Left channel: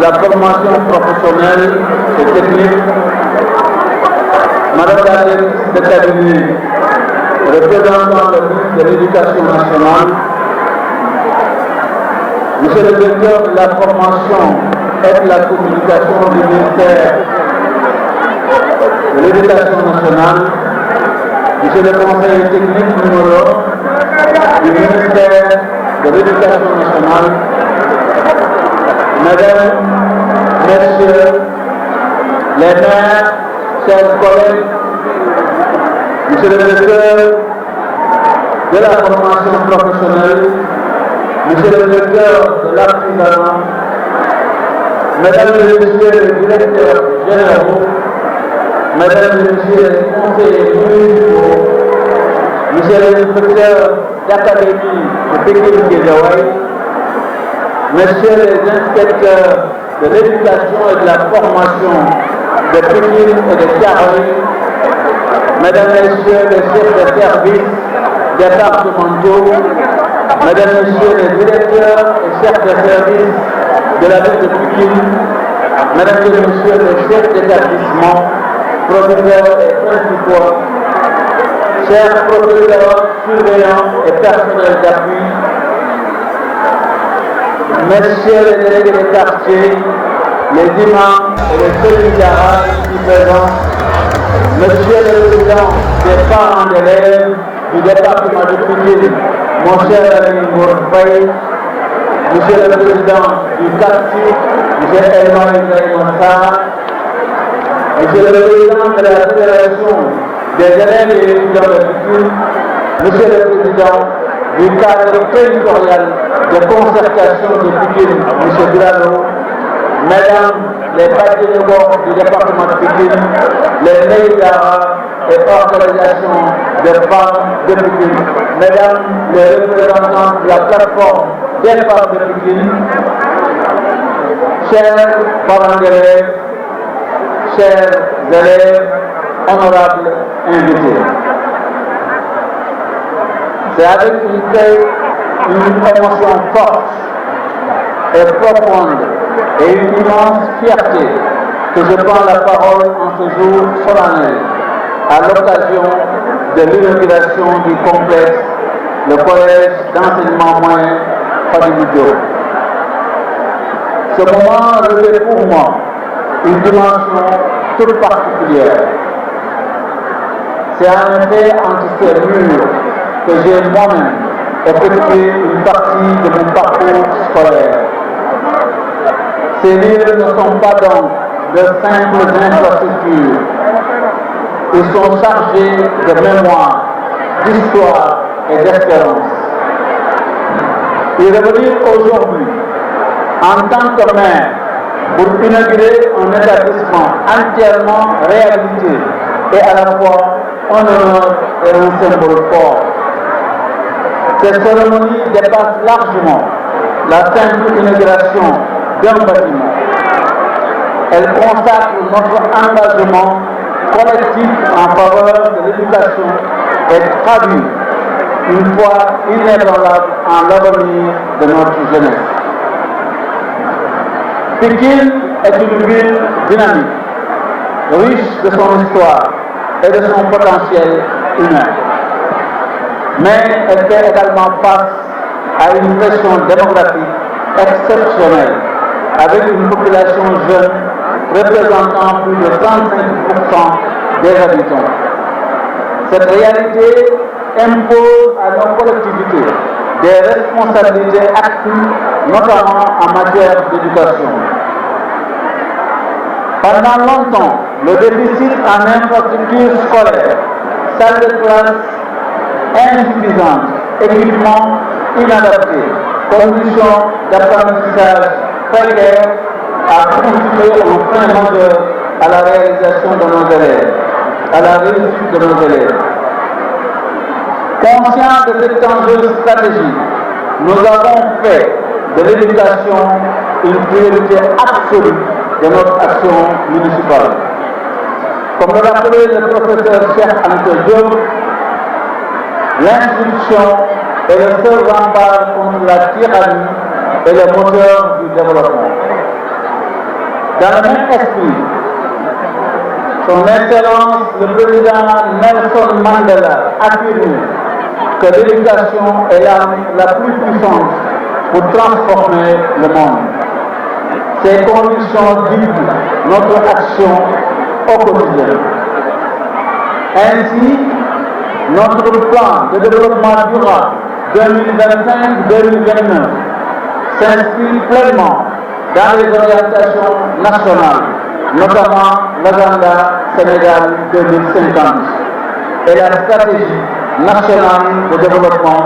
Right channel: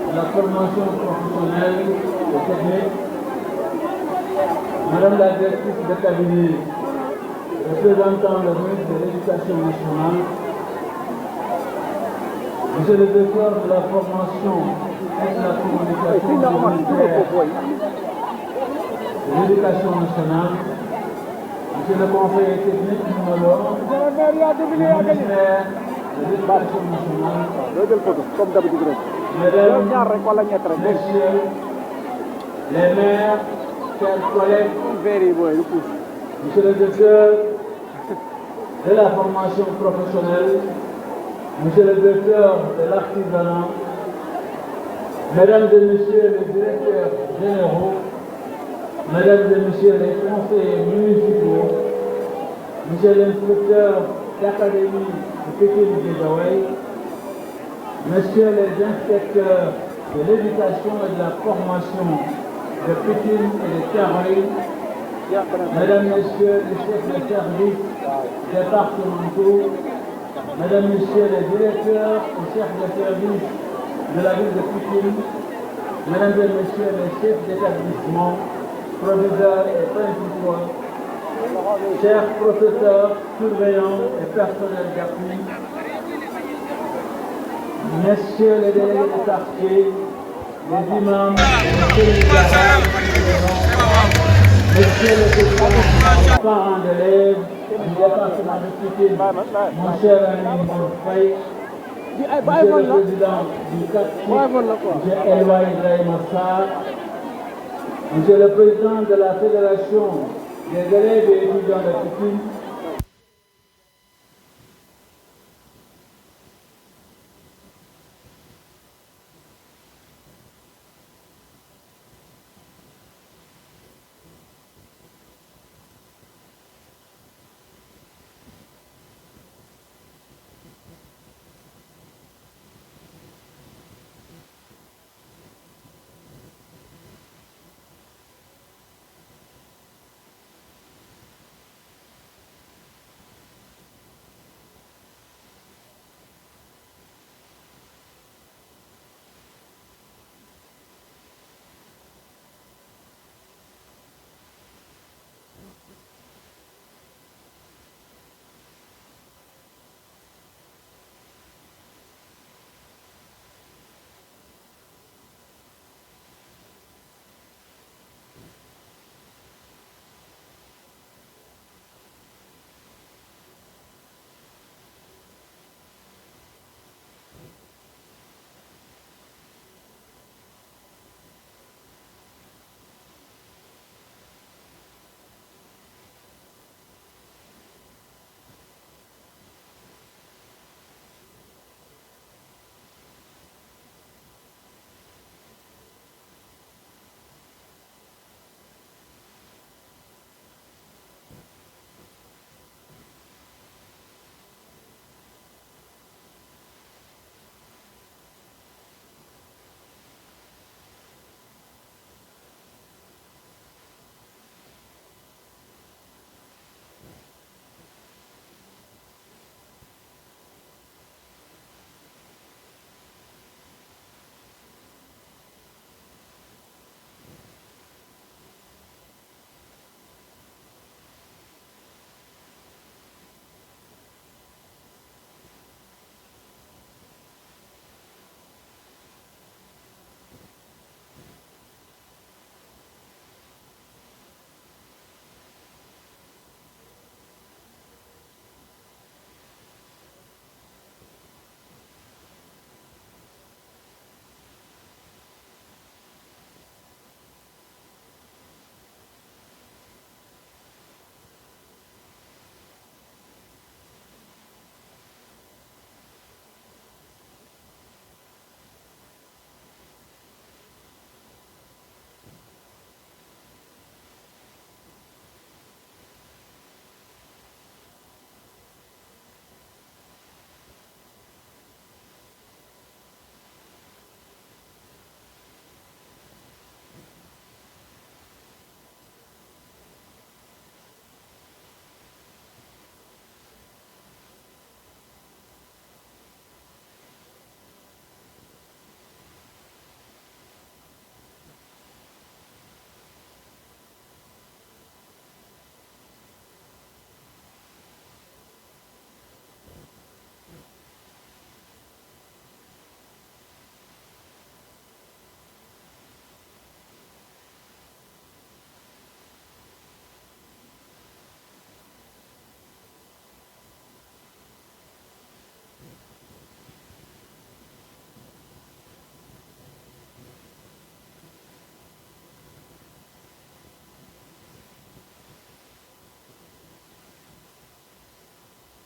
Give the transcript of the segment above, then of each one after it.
la formation professionnelle et technique, Madame la directrice de cabinet, représentant le ministre de l'Éducation nationale, Monsieur le directeur de la formation et de la communication du ministère de l'Éducation nationale, Monsieur le conseiller technique numéro du ministère de l'Éducation nationale, Mesdames, Messieurs, les maires, chers collègues, Monsieur le directeur de la formation professionnelle, Monsieur le directeur de l'artisanat, Mesdames et Messieurs les directeurs généraux, Mesdames et Messieurs les conseillers municipaux, Monsieur le inspecteur d'académie de Pékin-Guédiawaye, Messieurs les inspecteurs de l'éducation et de la formation de Pékin et de Thiaroye, Mesdames et Messieurs les chefs de service départementaux, Mesdames et Messieurs les directeurs et chefs de service de la ville de Pékin, Mesdames et Messieurs les chefs d'établissement, professeurs et principaux, chers professeurs, surveillants et personnels d'appui, Messieurs les délégués des quartiers, les imams et les solidaires ici présents, Messieurs les présidents des parents d'élèves du département de Pékin, mon cher ami Mourfaï, Monsieur le président du quartier, Monsieur Emmanuel Monta, Monsieur le président de la Fédération des élèves et étudiants de Pékin, Monsieur le président du cadre territorial de concertation de Pékin, M. Durano, Mesdames les partis de bord du département de Pékin, les Neïdara et organisations de femmes de Pékin, Mesdames les représentants de la plateforme des femmes de Pékin, chers parents d'élèves, chers élèves, honorables invités. C'est avec une émotion forte et profonde et une immense fierté que je prends la parole en ce jour solennel à l'occasion de l'inauguration du complexe, le collège d'enseignement moyen Fadilou Diop. Ce moment revêt pour moi une dimension toute particulière. C'est en effet entre ces murs que j'ai moi-même effectué une partie de mon parcours scolaire. Ces livres ne sont pas donc de simples infrastructures. Ils sont chargés de mémoire, d'histoire et d'espérance. Et revenir aujourd'hui en tant que maire pour inaugurer un établissement entièrement réhabilité et à la fois un honneur et un symbole fort. Cette cérémonie dépasse largement la simple inauguration d'un bâtiment. Elle consacre notre engagement collectif en faveur de l'éducation et traduit une foi inébranlable en l'avenir de notre jeunesse. Pékin est une ville dynamique, riche de son histoire et de son potentiel humain. Mais elle fait également face à une pression démographique exceptionnelle, avec une population jeune représentant plus de 35% des habitants. Cette réalité impose à nos collectivités des responsabilités accrues, notamment en matière d'éducation. Pendant longtemps, le déficit en infrastructures scolaires, salles de classe insuffisantes, équipements inadaptés, conditions d'apprentissage précaires a constitué un frein majeur à la réalisation de nos élèves, à la réussite de nos élèves. Conscients de cette enjeu stratégique, nous avons fait de l'éducation une priorité absolue de notre action municipale. Comme le rappelait le professeur Cheikh Anta Diop, l'instruction est le seul rempart contre la tyrannie et le moteur du développement. Dans le même esprit, Son Excellence le Président Nelson Mandela affirme que l'éducation est la plus puissante pour transformer le monde. Ces conditions guident notre action au quotidien. Ainsi, notre plan de développement durable 2025-2029 s'inscrit pleinement dans les orientations nationales, notamment l'agenda Sénégal 2050 et la stratégie nationale de développement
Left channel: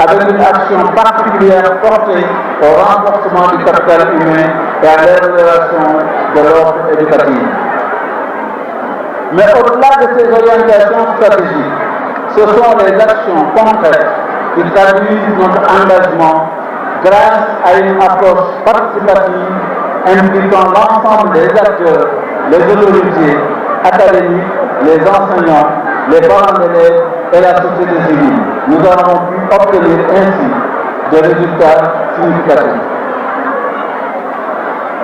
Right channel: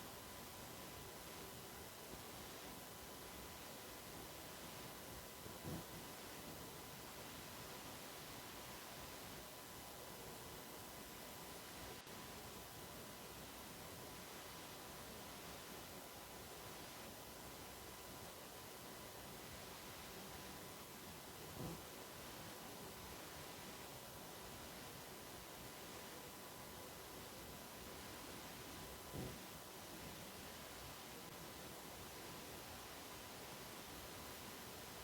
avec une action particulière portée au renforcement du capital humain et à l'amélioration de l'ordre éducatif. Mais au-delà de ces orientations stratégiques, ce sont les actions concrètes qui traduisent notre engagement grâce à une approche participative impliquant l'ensemble des acteurs, les autorités académiques, les enseignants, les parents d'élèves et la société civile. Nous avons pu obtenir ainsi des résultats significatifs.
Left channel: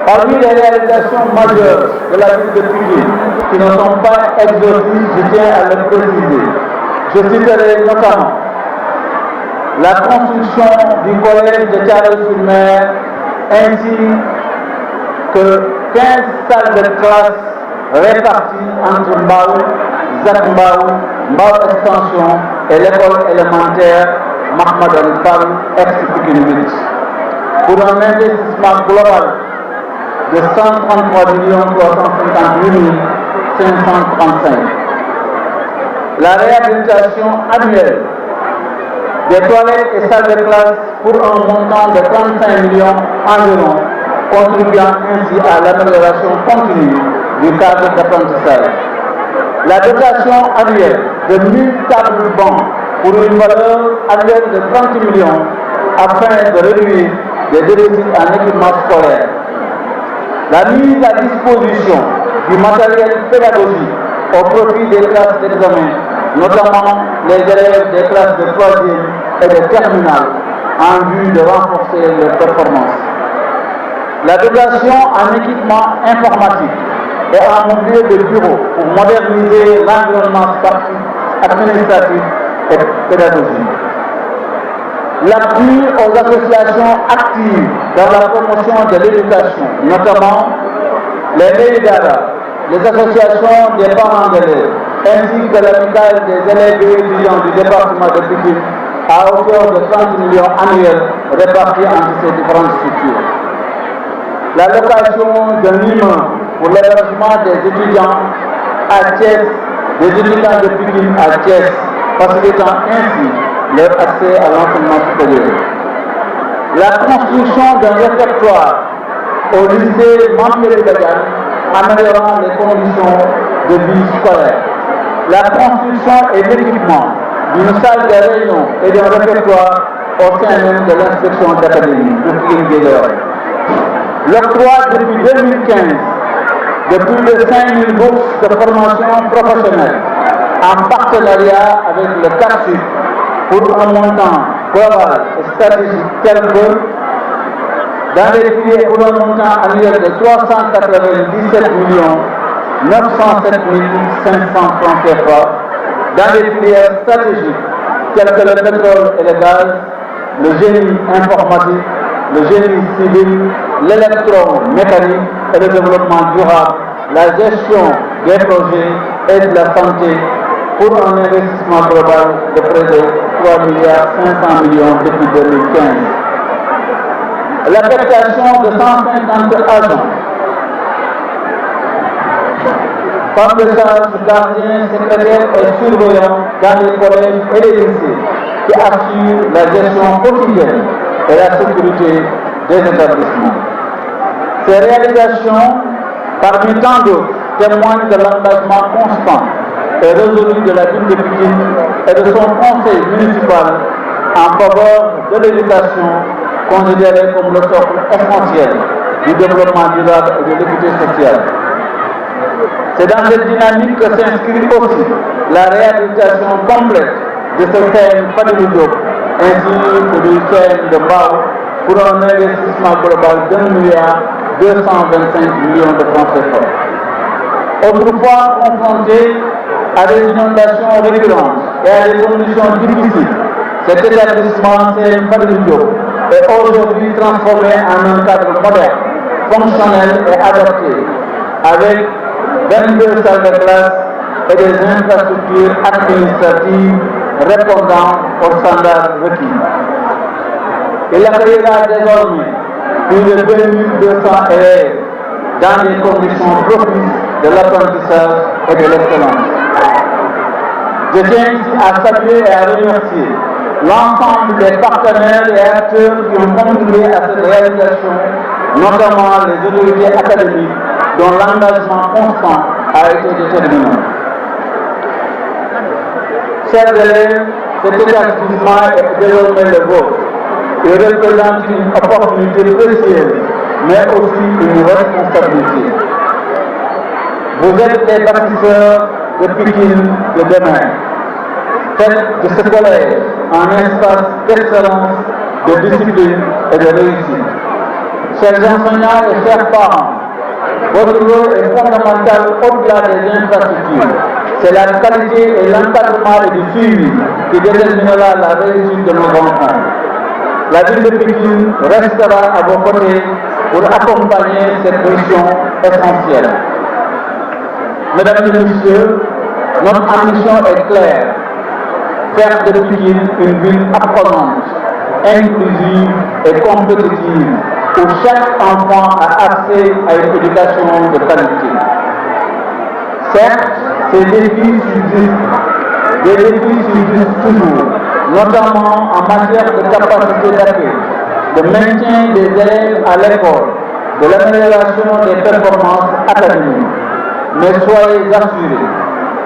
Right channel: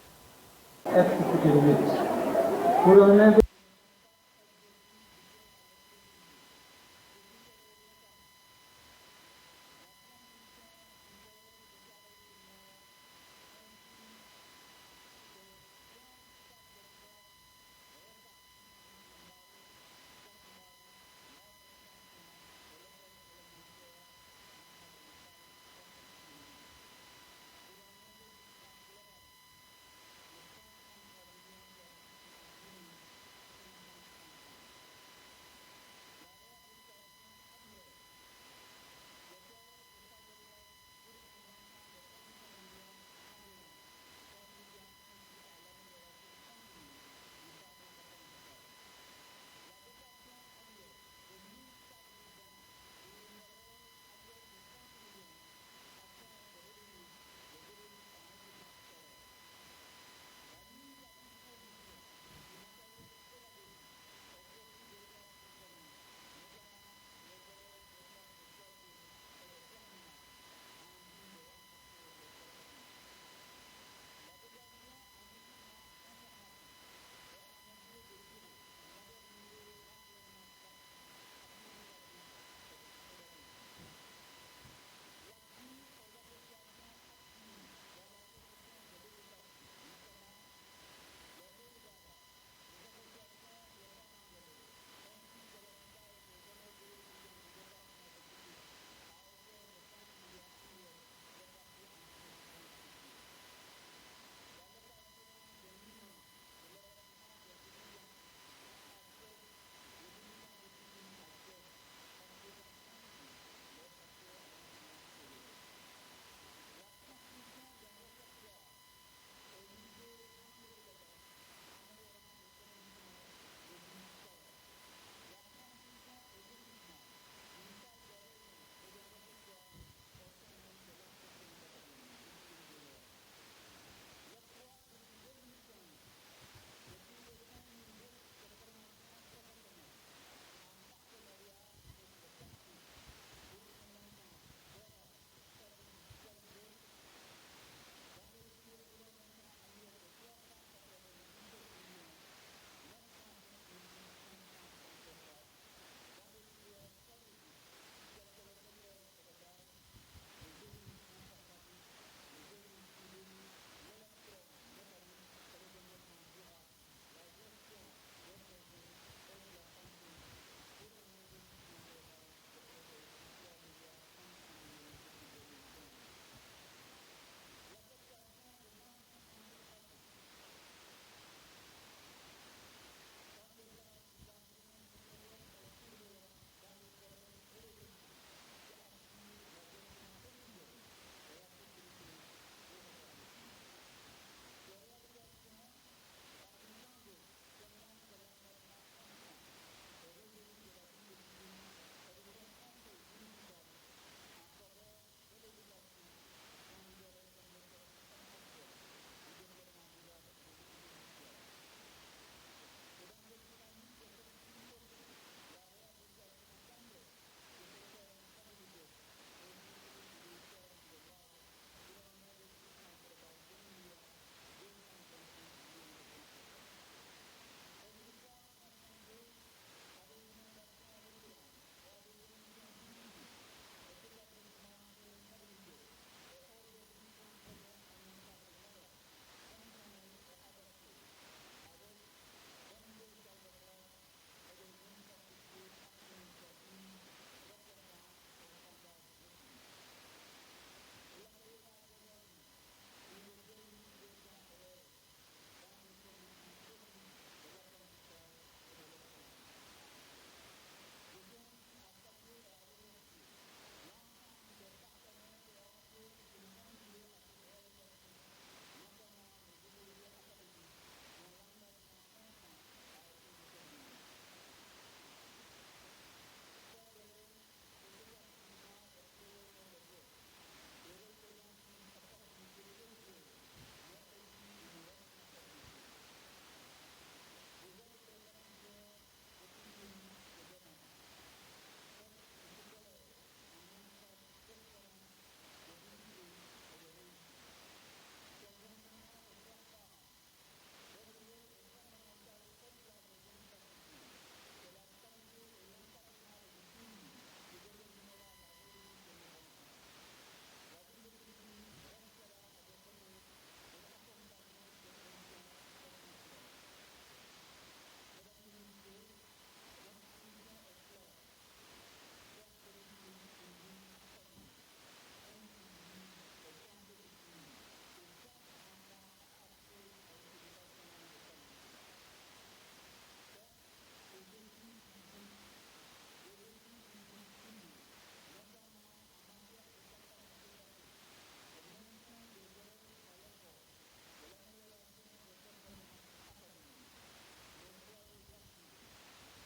Parmi les réalisations majeures de la ville de Pikine, qui ne sont pas exhaustives, je tiens à le préciser. Je citerai notamment la construction du collège de Thiaroye-sur-Mer ainsi que 15 salles de classe réparties entre Mbao, Zac Mbao, Mbao Extension et l'école élémentaire Mahmadane Fall, ex-Pikine 8, pour un investissement global de 133 358 535. La réhabilitation annuelle des toilettes et salles de classe pour un montant de 35 millions environ, contribuant ainsi à l'amélioration continue du cadre d'apprentissage. La dotation annuelle de 1000 tables bancs pour une valeur annuelle de 30 millions afin de réduire les déficits en équipement scolaire. La mise à disposition du matériel pédagogique au profit des classes d'examen, notamment les élèves des classes de 3e et de terminale, en vue de renforcer leurs performances. La dotation en équipement informatique et en mobilier de bureau pour moderniser l'environnement sportif, administratif et pédagogique. L'appui aux associations actives dans la promotion de l'éducation, notamment les MEIDARA, les associations des parents d'élèves, ainsi que l'amicale des élèves et étudiants du département de Pikine, à hauteur de 30 millions annuels répartis entre ces différentes structures. La location d'un immeuble pour l'hébergement des étudiants à Thiès, des étudiants de Pikine à Thiès, facilitant ainsi leur accès à l'enseignement supérieur. La construction d'un réfectoire au lycée Mampier Badiane, améliorant les conditions de vie scolaire. La construction et l'équipement d'une salle de réunion et d'un réfectoire au sein même de l'inspection d'académie de Pikine-Guédiawaye. L'octroi depuis 2015 de plus de 5000 bourses de formation professionnelle en partenariat avec le CAPSUD pour un montant global et stratégique tel que dans les filières pour un montant annuel de 397 907 500 francs CFA, dans les filières stratégiques telles que le pétrole et le gaz, le génie informatique, le génie civil, l'électromécanique et le développement durable, la gestion des projets et de la santé pour un investissement global de près de 3,5 milliards depuis 2015. L'affectation de 150 agents, femmes de charge, gardiens, secrétaires et surveillants dans les collèges et les lycées qui assurent la gestion quotidienne et la sécurité des établissements. Ces réalisations, parmi tant d'autres, témoignent de l'engagement constant et résolu de la ville de Pikine et de son conseil municipal en faveur de l'éducation considérée comme le socle essentiel du développement durable et de l'équité sociale. C'est dans cette dynamique que s'inscrit aussi la réalisation complète de ce thème Fadilou Diop ainsi que du thème de Mbao pour un investissement global d'1 225 millions de francs CFA. Autrefois confronté à des inondations récurrentes et à des conditions difficiles, cet établissement s'est Diop est aujourd'hui transformé en un cadre moderne, fonctionnel et adapté, avec 22 salles de classe et des infrastructures administratives répondant aux standards requis. Il accueillera désormais plus de 2200 élèves dans des conditions propices de l'apprentissage et de l'excellence. Je tiens ici à saluer et à remercier l'ensemble des partenaires et acteurs qui ont contribué à cette réalisation, notamment les autorités académiques dont l'engagement constant a été déterminant. Chers élèves, cet établissement est désormais le vôtre. Il représente une opportunité précieuse, mais aussi une responsabilité. Vous êtes les bâtisseurs de Pékin de demain. Faites de ce collège un espace d'excellence, de discipline et de réussite. Chers enseignants et chers parents, votre rôle est fondamental au-delà des infrastructures. C'est la qualité et l'encadrement et du suivi qui déterminera la réussite de nos enfants. La ville de Pékin restera à vos côtés pour accompagner cette mission essentielle. Mesdames et messieurs, notre ambition est claire. Faire de Pékin une ville apprenante, inclusive et compétitive, où chaque enfant a accès à une éducation de qualité. Certes, ces défis subsistent toujours, notamment en matière de capacité d'accueil, de maintien des élèves à l'école, de l'amélioration des performances académiques. Mais soyez assurés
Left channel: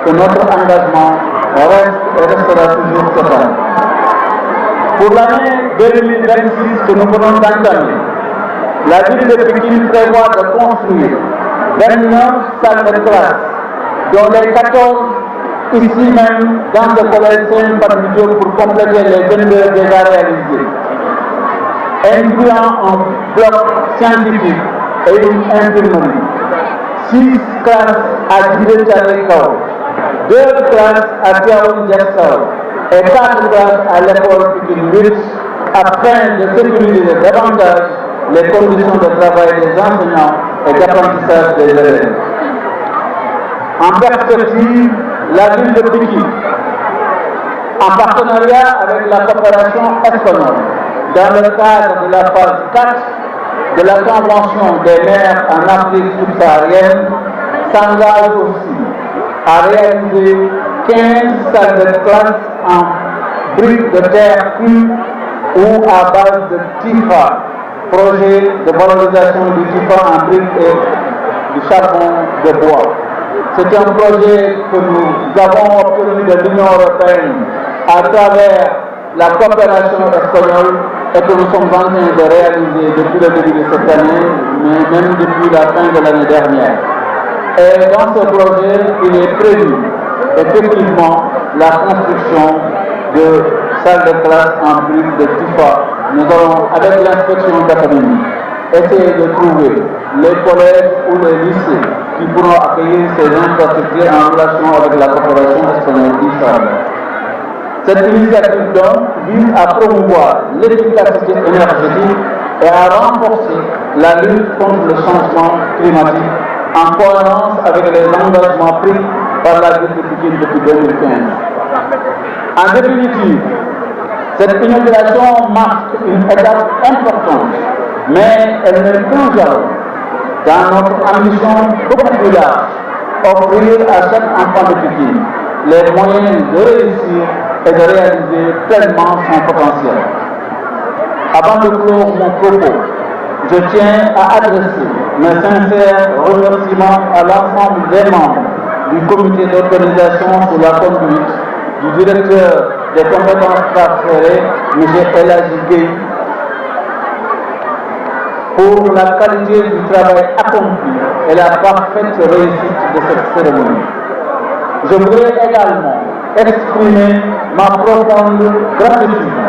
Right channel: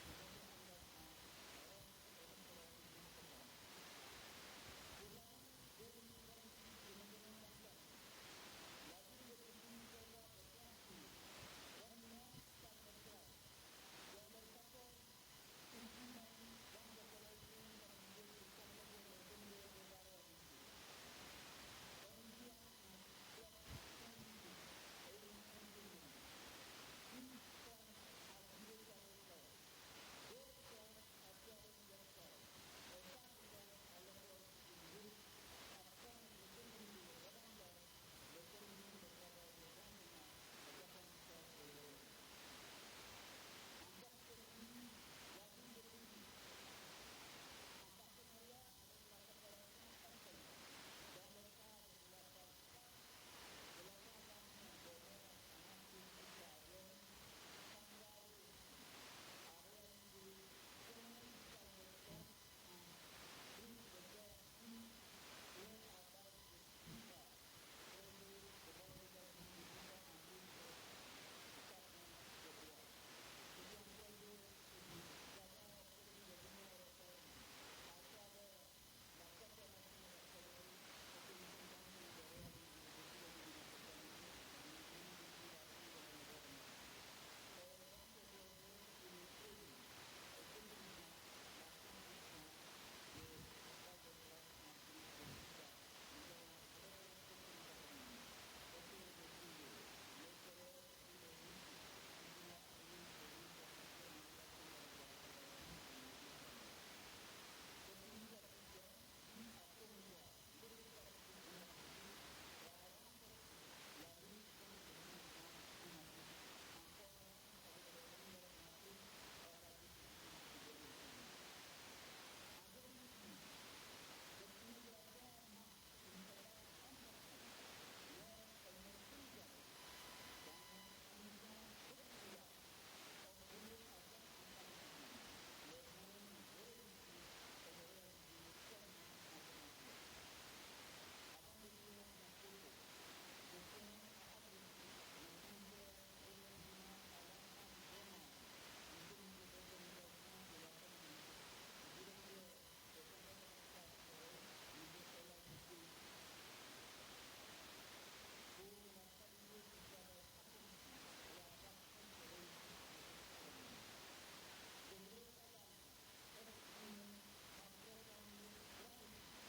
que notre engagement reste et restera toujours total. Pour l'année 2026 que nous venons d'entamer, la ville de Pékin prévoit de construire 29 salles de classe, dont les 14 ici même dans le collège Saint-Barthélemy pour compléter les 22 déjà réalisés, incluant un bloc scientifique et une imprimerie, 6 classes à Djibouti-Tchalékao, 2 classes à Tiaoun-Diassao et 4 classes à l'école Pékin 8 afin de sécuriser davantage les conditions de travail des enseignants et d'apprentissage des élèves. En perspective, la ville de Pékin, en partenariat avec la coopération espagnole, dans le cadre de la phase 4 de la Convention des maires en Afrique subsaharienne, s'engage aussi à réaliser 15 salles de classe en briques de terre crue ou à base de TIFA, projet de valorisation du TIFA en briques et du charbon de bois. C'est un projet que nous avons obtenu de l'Union européenne à travers la coopération espagnole et que nous sommes en train de réaliser depuis le début de cette année, mais même depuis la fin de l'année dernière. Et dans ce projet, il est prévu effectivement la construction de salles de classe en briques de TIFA. Nous allons, avec l'inspection d'académie, essayer de trouver les collèges ou les lycées qui pourront accueillir ces infrastructures en relation avec la coopération espagnole d'Israël. Cette initiative donc vise à promouvoir l'efficacité énergétique et à renforcer la lutte contre le changement climatique en cohérence avec les engagements pris par la ville de Pékin depuis 2015. En définitive, cette inauguration marque une étape importante, mais elle n'est plus jamais dans notre ambition beaucoup plus large, offrir à chaque enfant de Pékin les moyens de réussir et de réaliser pleinement son potentiel. Avant de clore mon propos, je tiens à adresser mes sincères remerciements à l'ensemble des membres du comité d'organisation sous la conduite du directeur des compétences transférées, M. Elhaji Gueye, pour la qualité du travail accompli et la parfaite réussite de cette cérémonie. Je voudrais également exprimer ma profonde gratitude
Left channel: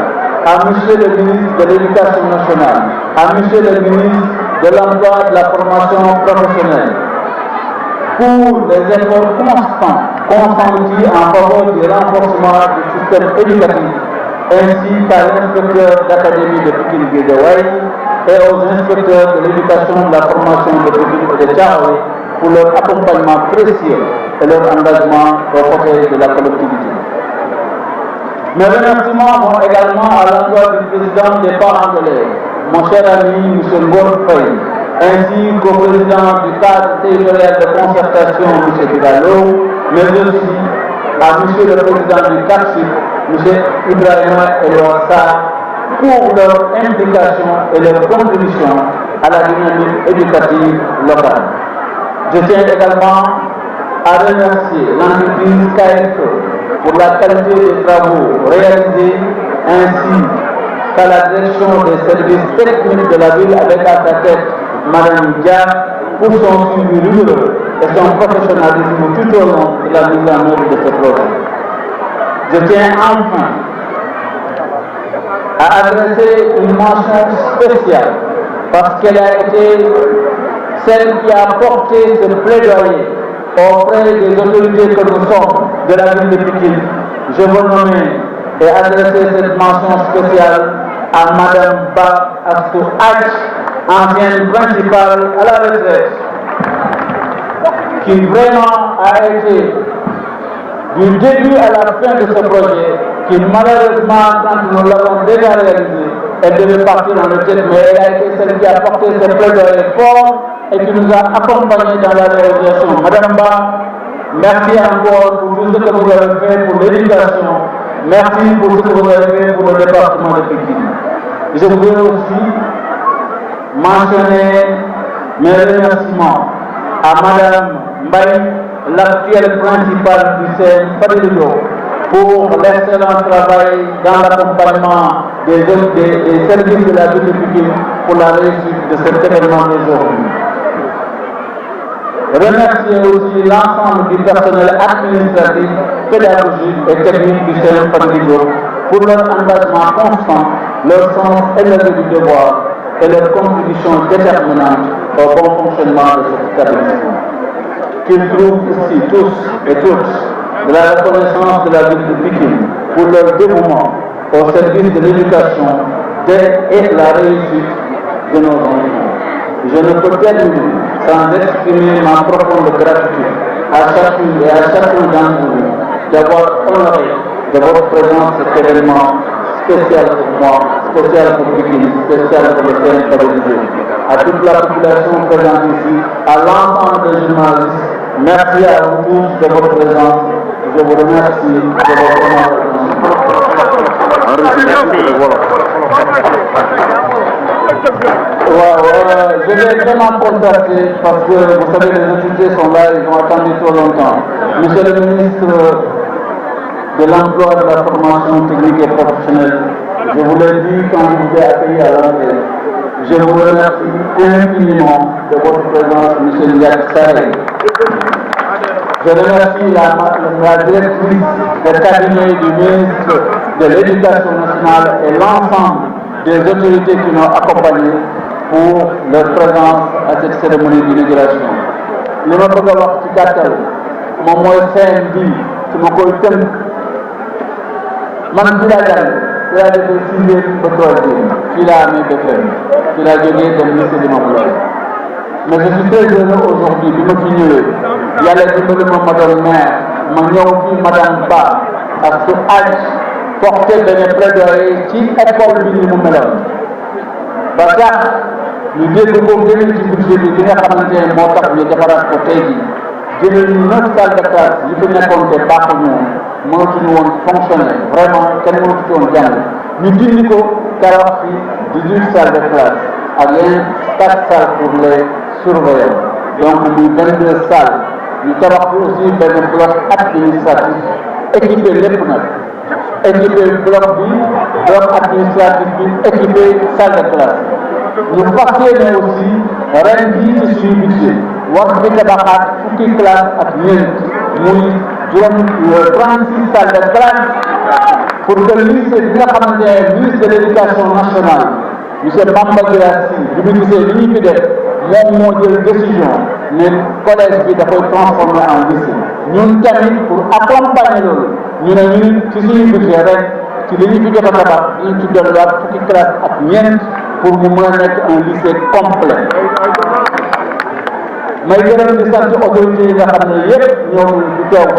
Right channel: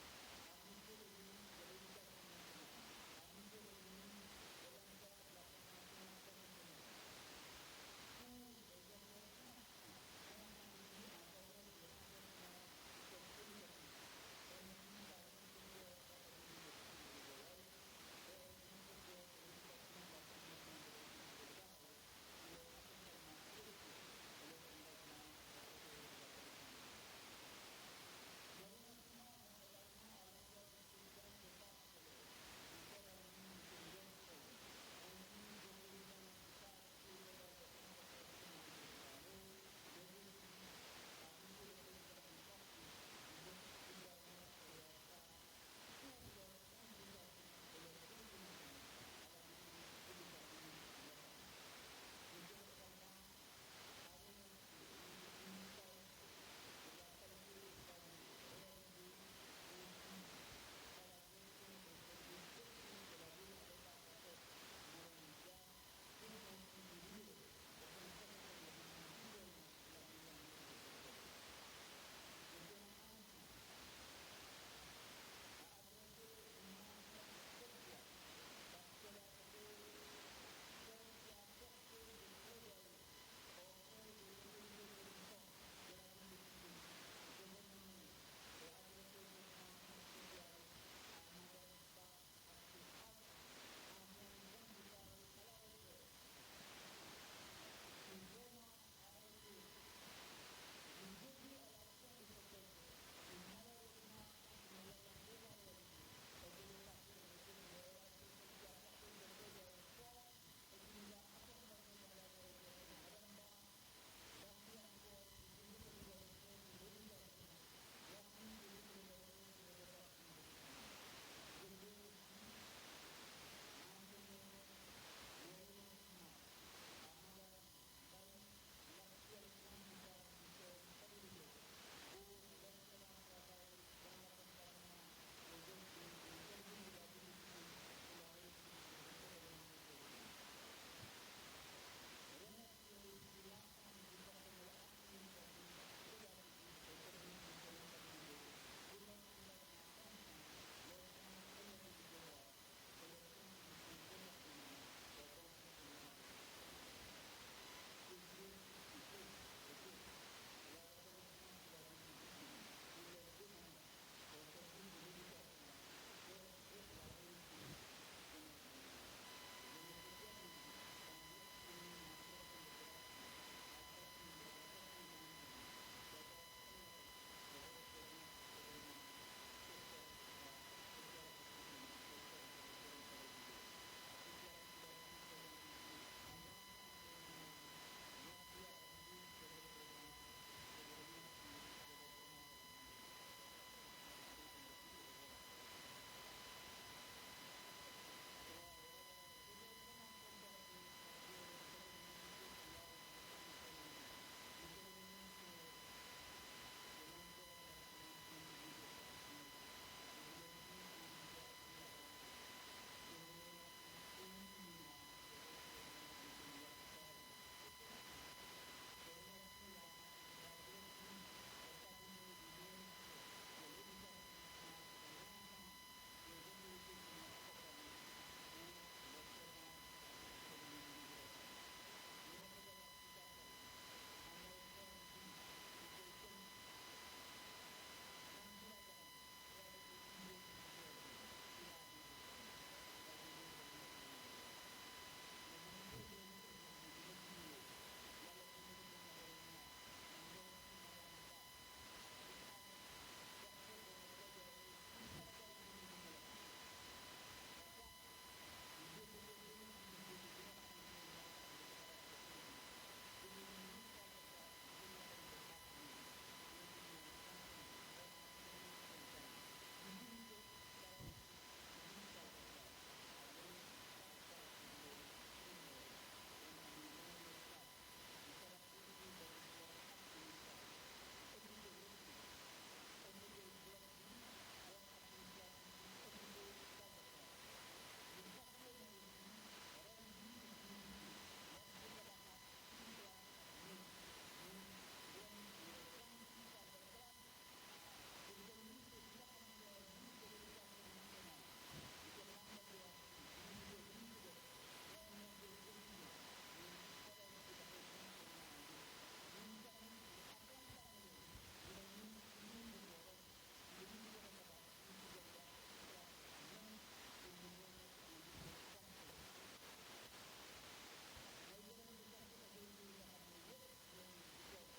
à M. le ministre de l'Éducation nationale, à M. le ministre de l'emploi et de la formation professionnelle, pour les efforts constants consentis en faveur du renforcement du système éducatif, ainsi qu'à l'inspecteur d'académie de Pikine-Guédiawaye et aux inspecteurs de l'éducation et de la formation de Pikine et de Thiaroye pour leur accompagnement précieux et leur engagement aux côtés de la collectivité. Mes remerciements vont également à l'endroit du président des parents d'élèves, mon cher ami M. Ngor Faye, ainsi qu'au président du cadre territorial de concertation, M. Bidalo, mais aussi à M. le président du CAPSUP, M. Ibrahima Eloassa, pour leur implication et leur contribution à la dynamique éducative locale. Je tiens également à remercier l'entreprise KFE pour la qualité des travaux réalisés, ainsi qu'à la direction des services techniques de la ville avec à sa tête Mme Dia pour son suivi rigoureux et son professionnalisme tout au long de la mise en œuvre de ce projet. Je tiens enfin à adresser une mention spéciale parce qu'elle a été celle qui a porté ce plaidoyer auprès des autorités que nous sommes de la ville de Pikine. Je veux nommer et adresser cette mention spéciale à Mme Ba Astou H, ancienne principale à la retraite, qui vraiment a été du début à la fin de ce projet, qui malheureusement, quand nous l'avons déjà réalisé, elle devait partir en retraite, mais elle a été celle qui a porté ce plaidoyer fort et qui nous a accompagnés dans la réalisation. Madame Ba, merci encore pour tout ce que vous avez fait pour l'éducation. Merci pour ce que vous avez fait pour le département de Pikine. Je voudrais aussi mentionner mes remerciements à Madame Mbaye, l'actuelle principale du CEN Fadilou, pour l'excellent travail dans l'accompagnement des services de la ville de Pikine pour la réussite de cet événement d'aujourd'hui. Remercier aussi l'ensemble du personnel administratif, pédagogique et technique du CEN Fadilou pour leur engagement constant, leur sens élevé du devoir et leur contribution déterminante au bon fonctionnement de cet établissement. Qu'ils trouvent ici tous et toutes de la reconnaissance de la ville de Pikine pour leur dévouement au service de l'éducation et la réussite de nos enfants. Je ne peux terminer sans exprimer ma profonde gratitude à chacune et à chacun d'entre vous d'avoir honoré de votre présence cet événement spécial pour moi, spécial pour Pikine, spécial pour le CEN Fadilou. À toute la population présente ici, à l'ensemble des journalistes, merci à vous tous de votre présence. Je vous remercie de votre je vais vraiment constater parce que vous savez les autorités sont là, ils ont attendu trop longtemps. Monsieur le ministre de l'Emploi, de la formation technique et professionnelle, je vous l'ai dit quand je vous ai accueilli à l'entrée. Je vous remercie infiniment de votre présence, M. Ndiak Saré. Je remercie la directrice du cabinet du ministre de l'Éducation nationale et l'ensemble des autorités qui m'ont accompagné pour leur présence à cette cérémonie d'inauguration. Li ma bëgg a wax ci gàttal moom mooy CEN bi su ma koy tënk man fii laa jàng fii laa defee sixième ba troisième fii laa amee BFEM fii laa jógee dem lycée Limamoulaye. Mais je suis très heureux aujourd'hui bi ma fi ñëwee yàlla dimbali ma doon maire ma ñëw fii madame Ba ak su âge porté benn plaidoyer ci école bi ni mu meloon ba tax ñu dégg ko gënal ci budget bi nga xamante ne moo tax ñu defaraat ko tey jii jëlee ñu 9 salles de classe yi fi nekkoon te baaxuñu woon mënatuñu woon fonctionner vraiment kenn mënatu woon jàng ñu dindi ko tabax fi 18 salles de classe ak yeneen 4 salles pour les surveillants donc muy 22 salles ñu tabax fi aussi benn bloc administratif équipé lépp nag équipé bloc administratif bi équipé salle de classe ñu fas yéene aussi ren jii ci suñu budget war fi tabaxaat fukki classe ak ñeent muy 36 salles de classe pour que lycée bi nga xamante ne ministre de l'éducation nationale monsieur Bamba Girassi bi mu gisee li ñuy fi def moom moo jël décision ne collège bi dafay transformer en lycée ñun tamit pour accompagner loolu ñu ne ñun ci suñu budget rek ci li ñu fi jot a tabax ñu ci dolliwaat fukki classe ak ñeent pour mu mën a nekk un lycée complet may gërëm di sant autorités yi nga xam ne yëpp ñëw nañu ci teew